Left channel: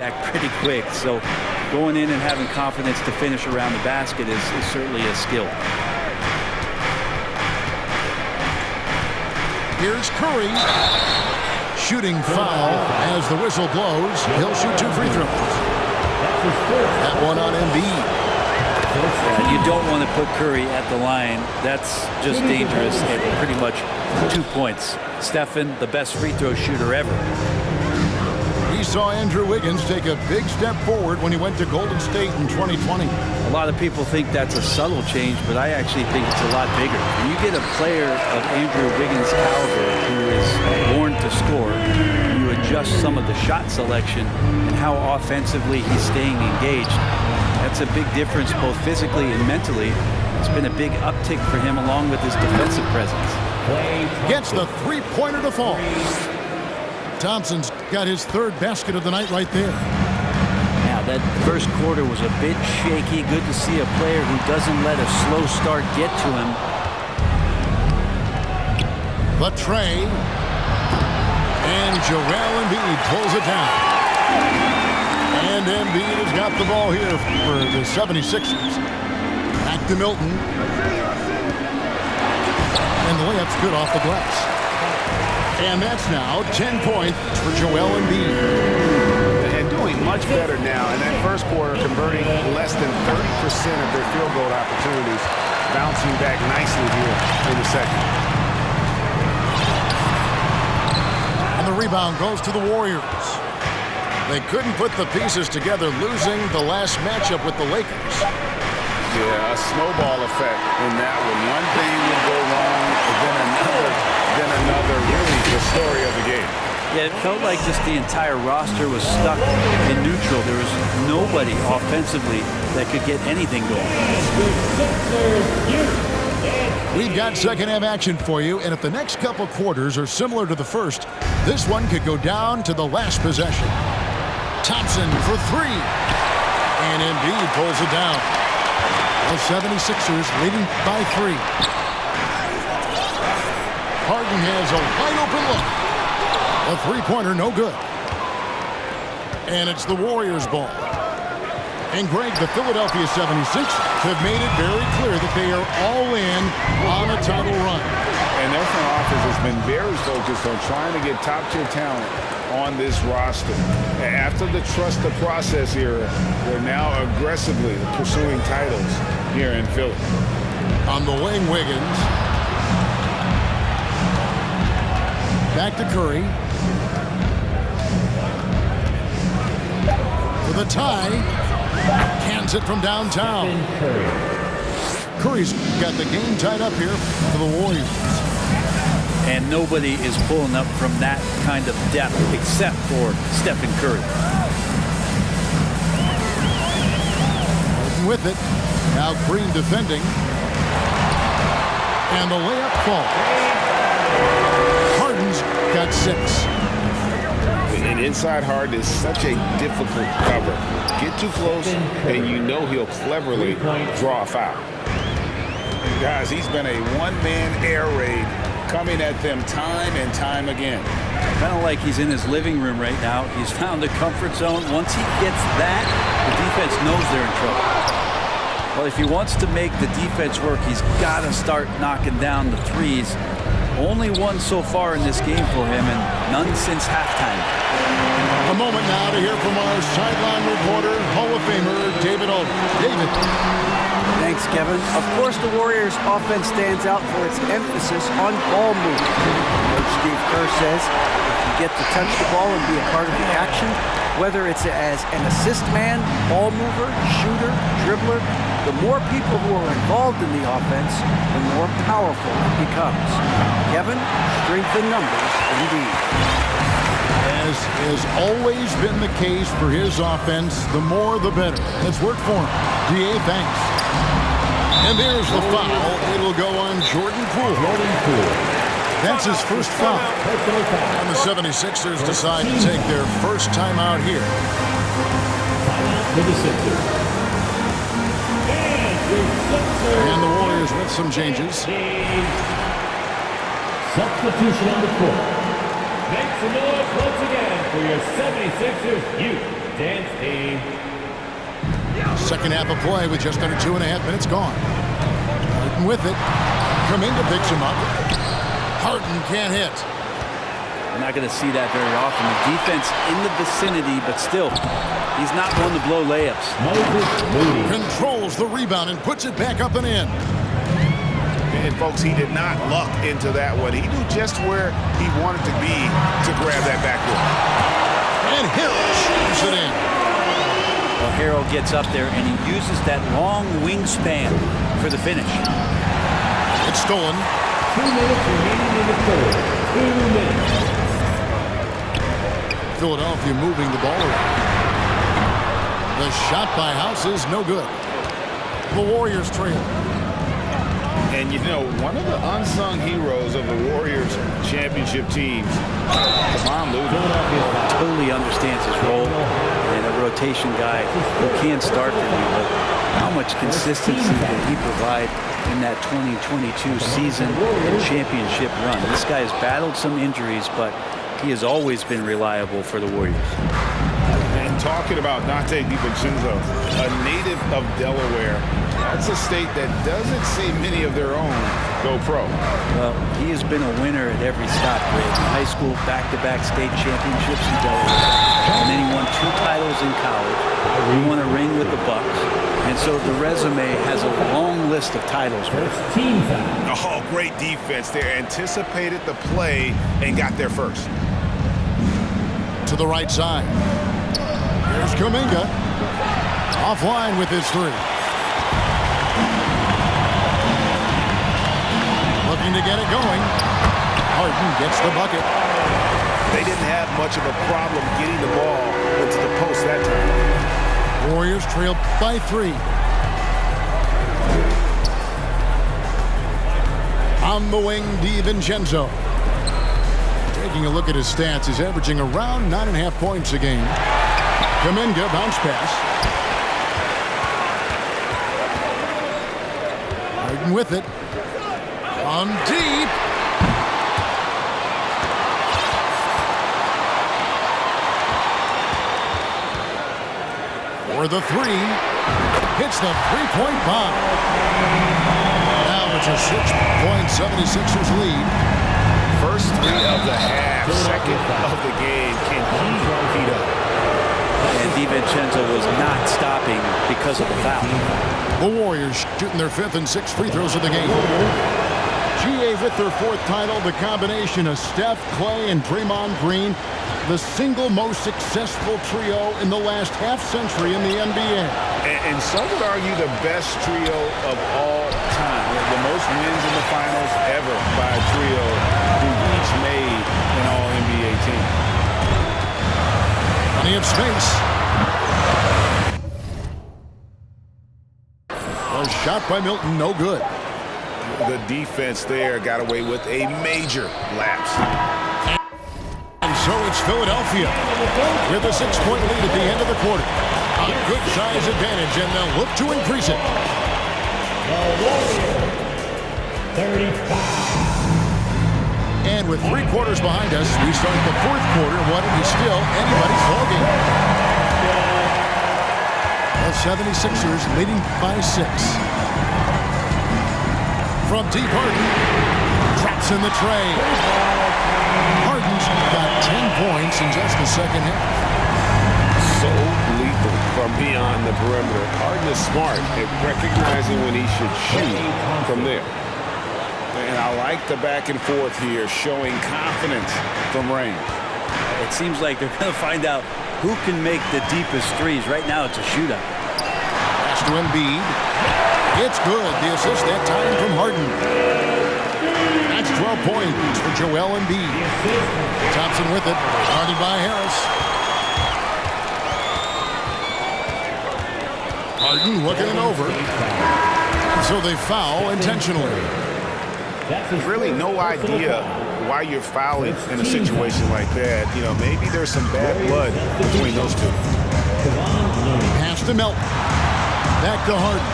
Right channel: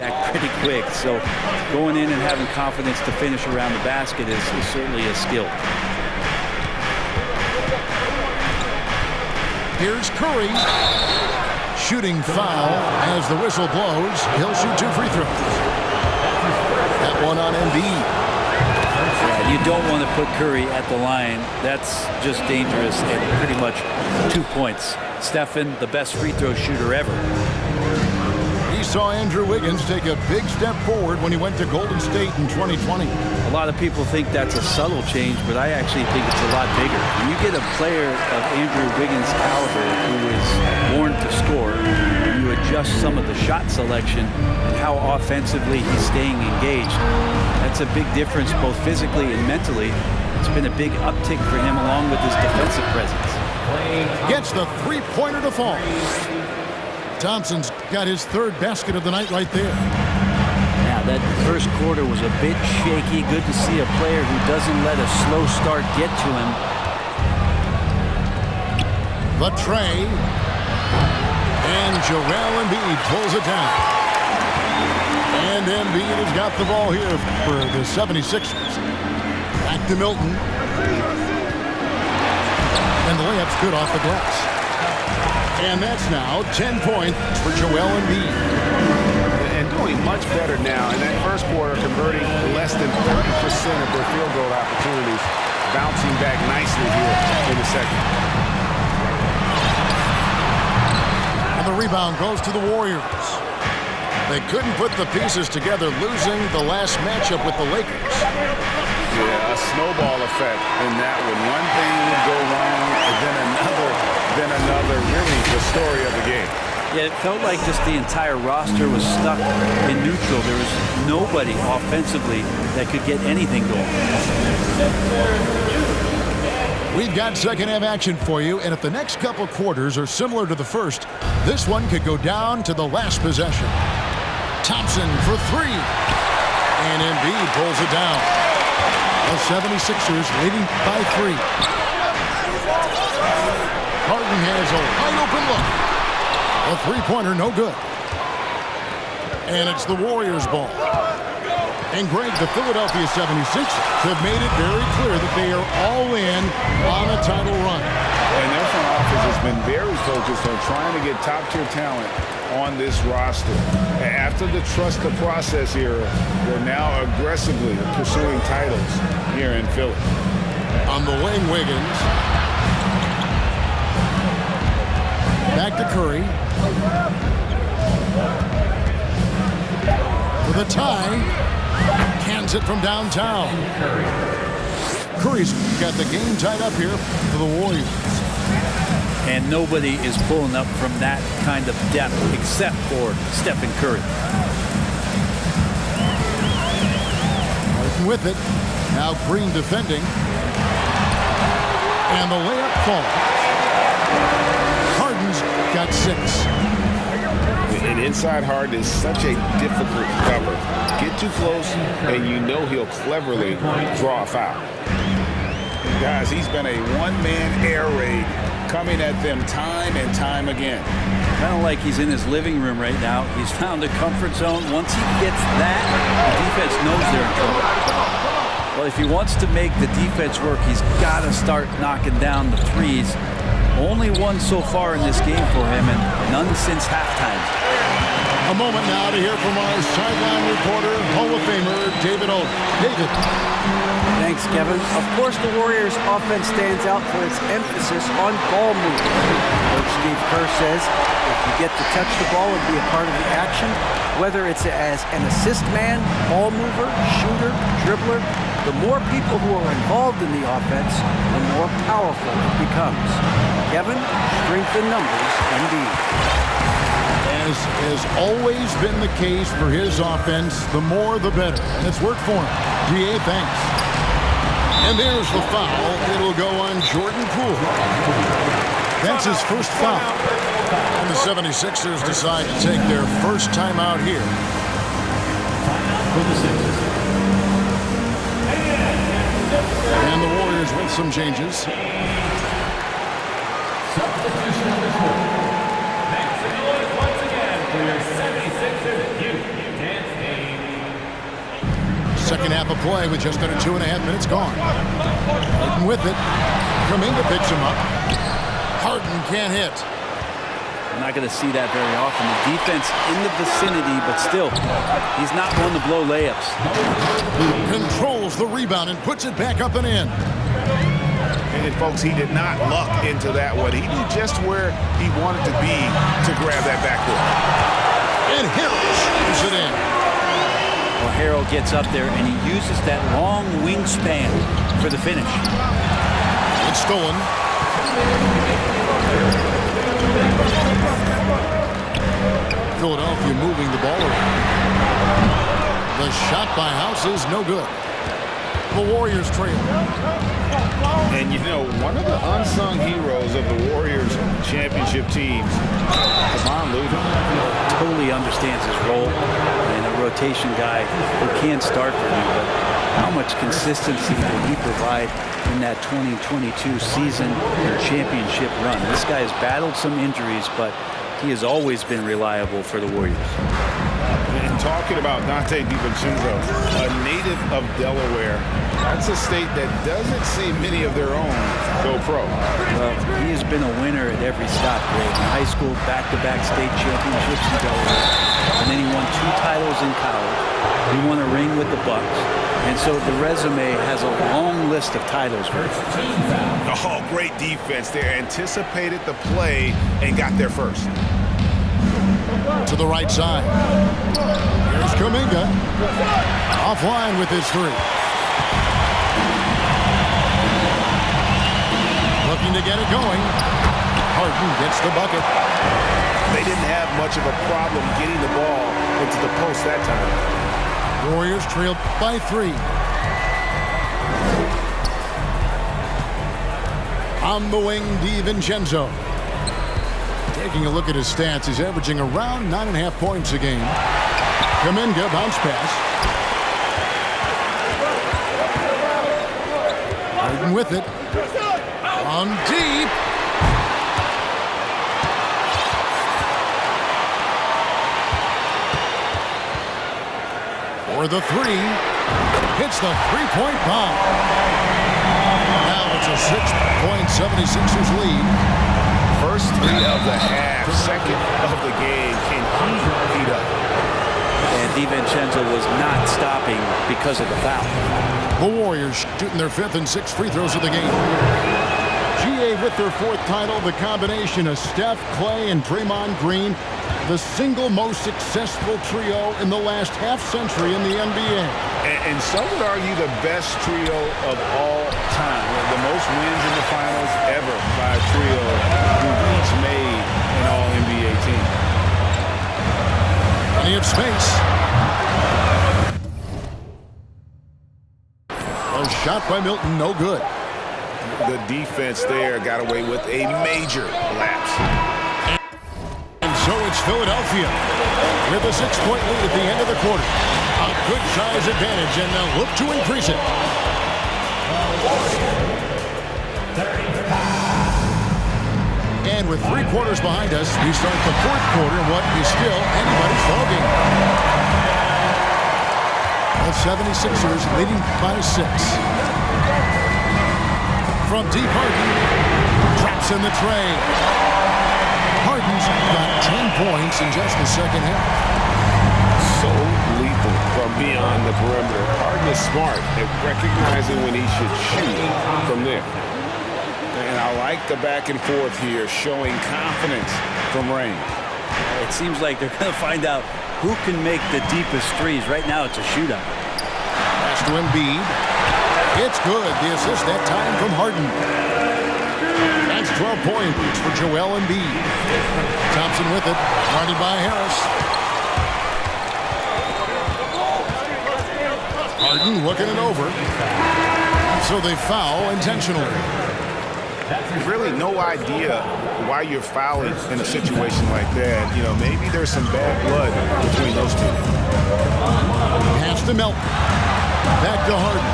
Back pretty quick, so going in and having confidence to finish around the basket is certainly a skill. Here's Curry. Shooting foul as the whistle blows. He'll shoot 2 free throws. That one on Embiid. Yeah, you don't want to put Curry at the line. That's just dangerous at pretty much 2 points. Stephen, the best free throw shooter ever. We saw Andrew Wiggins take a big step forward when he went to Golden State in 2020. A lot of people think that's a subtle change, but I actually think it's a lot bigger. When you get a player of Andrew Wiggins' caliber who is born to score, and you adjust some of the shot selection and how offensively he's staying engaged, that's a big difference both physically and mentally. It's been a big uptick for him along with his defensive presence. Gets the three-pointer to fall. Thompson's got his 3rd basket of the night right there. Now, that first quarter was a bit shaky. Good to see a player who doesn't let a slow start get to him. The tray. And Joel Embiid pulls it down. And Embiid has got the ball here for the 76ers. Back to Milton. And the layup's good off the glass. And that's now 10 points for Joel Embiid. And doing much better now in that first quarter, converting less than 30% of their field goal opportunities, bouncing back nicely here in the second. And the rebound goes to the Warriors. They couldn't put the pieces together, losing the last matchup with the Lakers. Yeah, a snowball effect in that one. One thing would go wrong, then another. Really the story of the game. Yeah, it felt like just the entire roster was stuck in neutral. There was nobody offensively that could get anything going. We've got second half action for you, and if the next couple quarters are similar to the first, this one could go down to the last possession. Thompson for 3. And Embiid pulls it down. The 76ers leading by 3. Harden has a wide open look. A three-pointer, no good. And it's the Warriors' ball. And Greg, the Philadelphia 76ers have made it very clear that they are all in on a title run. And their front office has been very focused on trying to get top-tier talent on this roster. After the trust the process era, they're now aggressively pursuing titles here in Philly. On the wing, Wiggins. Back to Curry. For the tie. Cans it from downtown. Curry's got the game tied up here for the Warriors. And nobody is pulling up from that kind of depth except for Stephen Curry. Harden with it. Now Green defending. And the layup falls. Harden's got 6. And inside Harden is such a difficult cover. Get too close, and you know he'll cleverly draw a foul. And guys, he's been a one-man air raid coming at them time and time again. Kind of like he's in his living room right now. He's found a comfort zone. Once he gets that, the defense knows they're in trouble. Well, if he wants to make the defense work, he's got to start knocking down the threes. Only one so far in this game for him, and none since halftime. A moment now to hear from our sideline reporter, Hall of Famer David Olden. David. Thanks, Kevin. Of course, the Warriors' offense stands out for its emphasis on ball movement. Coach Steve Kerr says if you get to touch the ball and be a part of the action, whether it's as an assist man, ball mover, shooter, dribbler, the more people who are involved in the offense, the more powerful it becomes. Kevin, strength in numbers indeed. As has always been the case for his offense, the more the better. And it's worked for him. DA, thanks. And there's the foul. It'll go on Jordan Poole. That's his first foul. And the 76ers decide to take their first timeout here. And the Warriors with some changes. Substitution on the court. Make some noise once again for your 76ers youth. Second half of play with just under 2.5 minutes gone. Harden with it. Kuminga picks him up. Harden can't hit. I'm not going to see that very often. The defense in the vicinity, but still, he's not one to blow layups. Controls the rebound and puts it back up and in. And folks, he did not luck into that one. He knew just where he wanted to be to grab that backboard. And Harrell shoots it in. Well, Harrell gets up there and he uses that long wingspan for the finish. It's stolen. Philadelphia moving the ball around. The shot by House is no good. The Warriors trail. And you know, one of the unsung heroes of the Warriors championship teams, Kevon Looney, totally understands his role, and a rotation guy who can start for you, but how much consistency did he provide in that 2022 season and championship run? This guy has battled some injuries, but he has always been reliable for the Warriors. And talking about Dante DiVincenzo, a native of Delaware, that's a state that doesn't see many of their own go pro. Well, he has been a winner at every stop, Greg. In high school, back-to-back state championships in Delaware. And then he won 2 titles in college. He won a ring with the Bucks. And so the resume has a long list of titles for him. Oh, great defense there. Anticipated the play and got there first. To the right side. Here's Kuminga. Offline with his 3. Looking to get it going. Harden gets the bucket. They didn't have much of a problem getting the ball into the post that time. Warriors trailed by 3. On the wing, DiVincenzo. Taking a look at his stats, he's averaging around 9.5 points a game. Kuminga, bounce pass. Harden with it. On deep. For the 3. Hits the 3-point bomb. Now it's a 6-point 76ers lead. First 3 of the half, second of the game. Can he heat up? And DiVincenzo was not stopping because of the foul. The Warriors shooting their 5th and 6th free throws of the game. GA with their 4th title, the combination of Steph, Clay, and Draymond Green, the single most successful trio in the last half-century in the NBA. And some would argue the best trio of all time. The most wins in the finals ever by a trio who each made an All-NBA team. Plenty of space. A shot by Milton, no good. The defense there got away with a major lapse. And so it's Philadelphia with a 6-point lead at the end of the quarter. A good size advantage, and they'll look to increase it. 35. And with 3 quarters behind us, we start the 4th quarter in what is still anybody's ballgame. The 76ers leading by 6. From deep, Harden drops in the tray. Harden's got 10 points in just the second half. So lethal from beyond the perimeter. Harden is smart at recognizing when he should shoot from there. And I like the back and forth here, showing confidence from range. It seems like they're going to find out who can make the deepest threes. Right now, it's a shootout. Pass to Embiid. It's good. The assist that time from Harden. That's 12 points for Joel Embiid. Thompson with it. Guarded by Harris. Harden looking it over. And so they foul intentionally. Really no idea why you're fouling in a situation like that. You know, maybe there's some bad blood between those two. Pass to Melton. Back to Harden.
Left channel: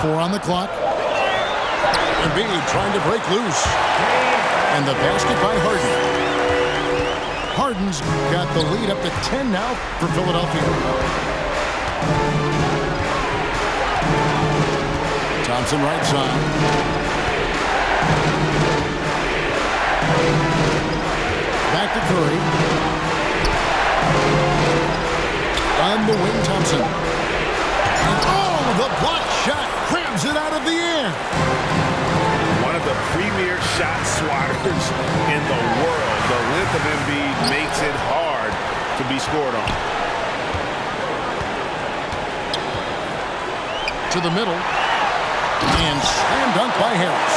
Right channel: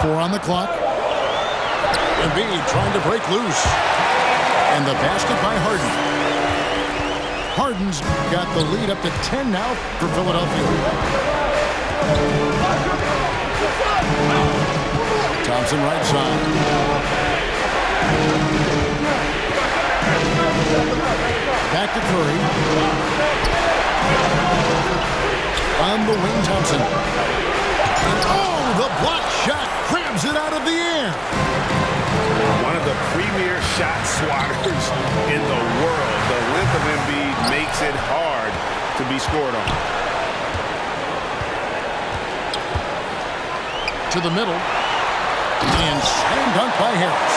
Four on the clock. Embiid trying to break loose. And the basket by Harden. Harden's got the lead up to 10 now for Philadelphia. Thompson right side. Back to Curry. On the wing, Thompson. And oh, the block shot grabs it out of the air. One of the premier shot swatters in the world. The length of Embiid makes it hard to be scored on. To the middle. And slam dunk by Harris.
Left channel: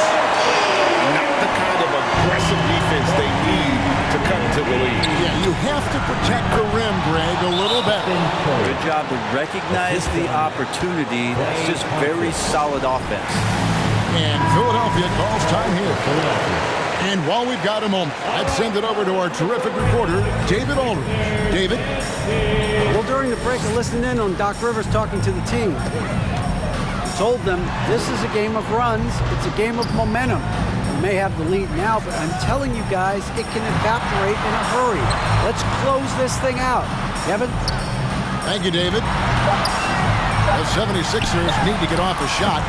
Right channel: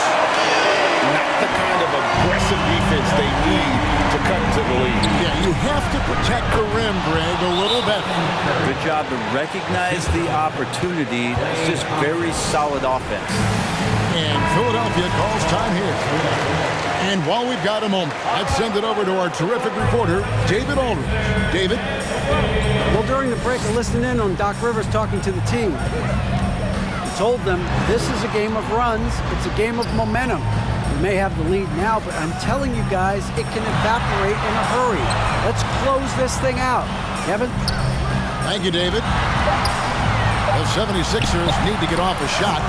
Not the kind of aggressive defense they need to cut into the lead. Yeah, you have to protect the rim, Greg, a little better. Good job to recognize the opportunity. That's just very solid offense. And Philadelphia calls time here. And while we've got a moment, let's send it over to our terrific reporter, David Aldridge. David? Well, during the break, I listened in on Doc Rivers talking to the team. He told them this is a game of runs. It's a game of momentum. We may have the lead now, but I'm telling you guys, it can evaporate in a hurry. Let's close this thing out. Kevin? Thank you, David. The 76ers need to get off a shot.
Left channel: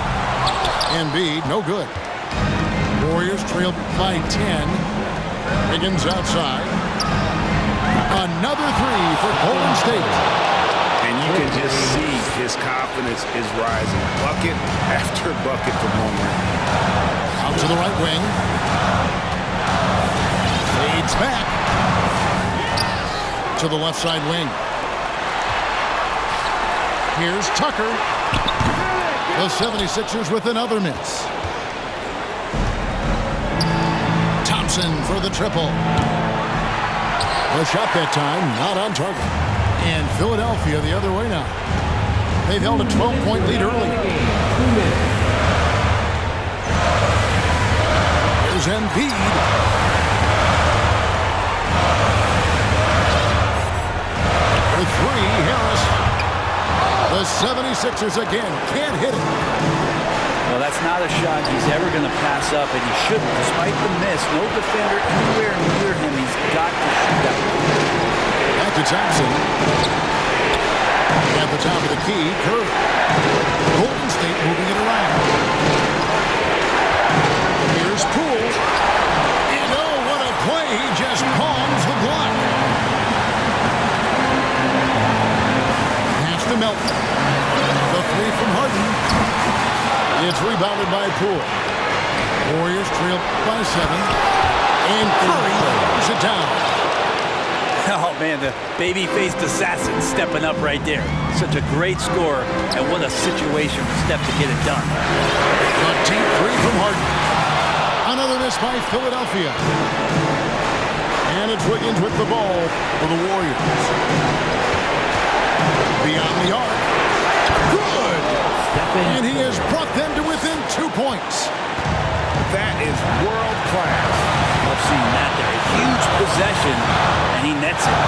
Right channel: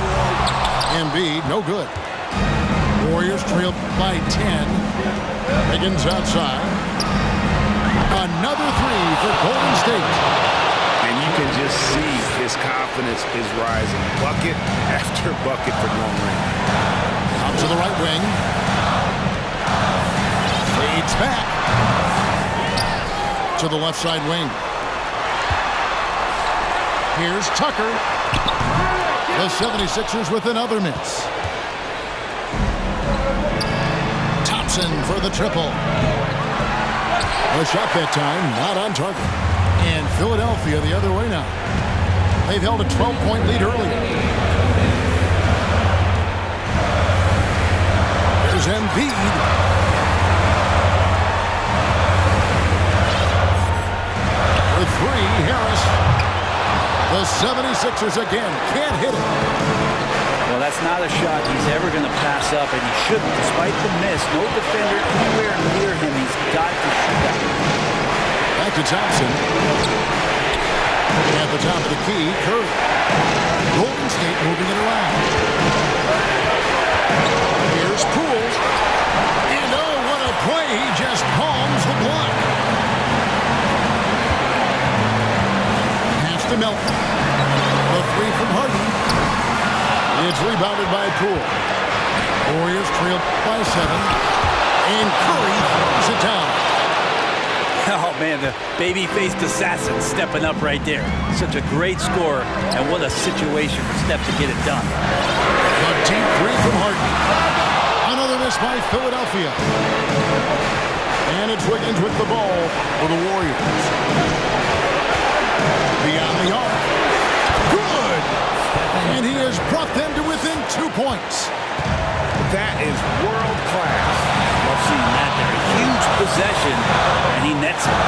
Embiid, no good. Warriors trail by 10. Wiggins outside. Another three for Golden State. And you can just see his confidence is rising. Bucket after bucket from long range. Out to the right wing. Fades back. To the left side wing. Here's Tucker. The 76ers with another miss. Thompson for the triple. A shot that time, not on target. And Philadelphia the other way now. They've held a 12-point lead early. Here's Embiid. For three, Harris. The 76ers again can't hit it. Well, that's not a shot he's ever going to pass up, and he shouldn't. Despite the miss, no defender anywhere near him. He's got to shoot that one. Back to Thompson. At the top of the key, Curry. Golden State moving it around. Here's Poole. And oh, what a play. He just palms the block. Pass to Melton. The three from Harden. It's rebounded by Poole. Warriors trail by 7. And Curry throws it down. Oh, man, the baby-faced assassin stepping up right there. Such a great score, and what a situation for Steph to get it done. The deep three from Harden. Another miss by Philadelphia. And it's Wiggins with the ball for the Warriors. Beyond the arc. Good! And he has brought them to within 2 points. That is world class. Love seeing that there. A huge possession, and he nets it.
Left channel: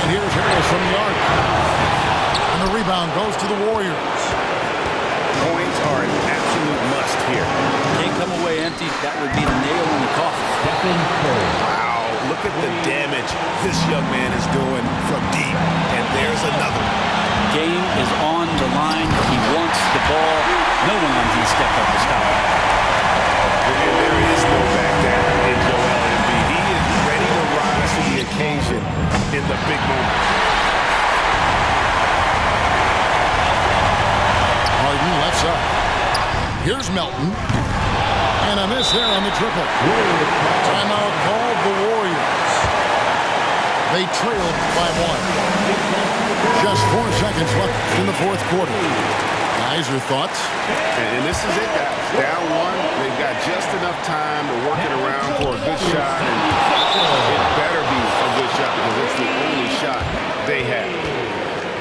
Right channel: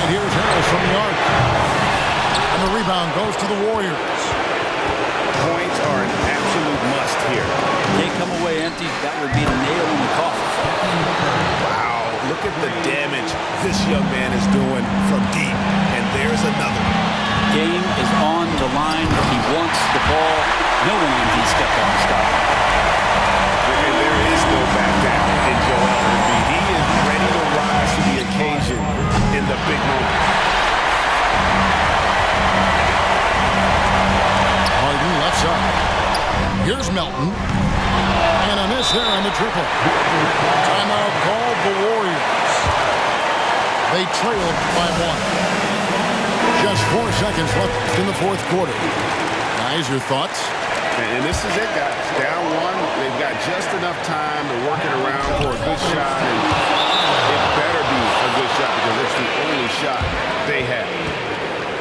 And here's Harris from the arc. And the rebound goes to the Warriors. Points are an absolute must here. Can't come away empty. That would be the nail in the coffin. Wow, look at the damage this young man is doing from deep. And there's another one. Game is on the line. He wants the ball. No one on D stepped up to stop him. And there is no back down in Joel Embiid. He is ready to rise to the occasion in the big moment. Harden left side. Here's Melton. And a miss there on the triple. Timeout called the Warriors. They trailed by 1. Just 4 seconds left in the fourth quarter. Guys, your thoughts? And this is it, guys. Down 1. They've got just enough time to work it around for a good shot. And it better be a good shot because it's the only shot they have.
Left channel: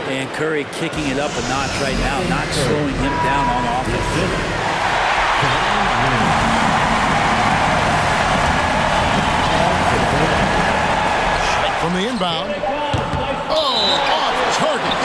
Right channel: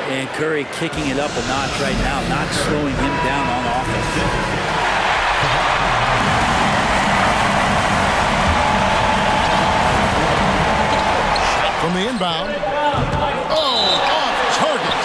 And Curry kicking it up a notch right now, not slowing him down on offense. From the inbound. Oh, off target.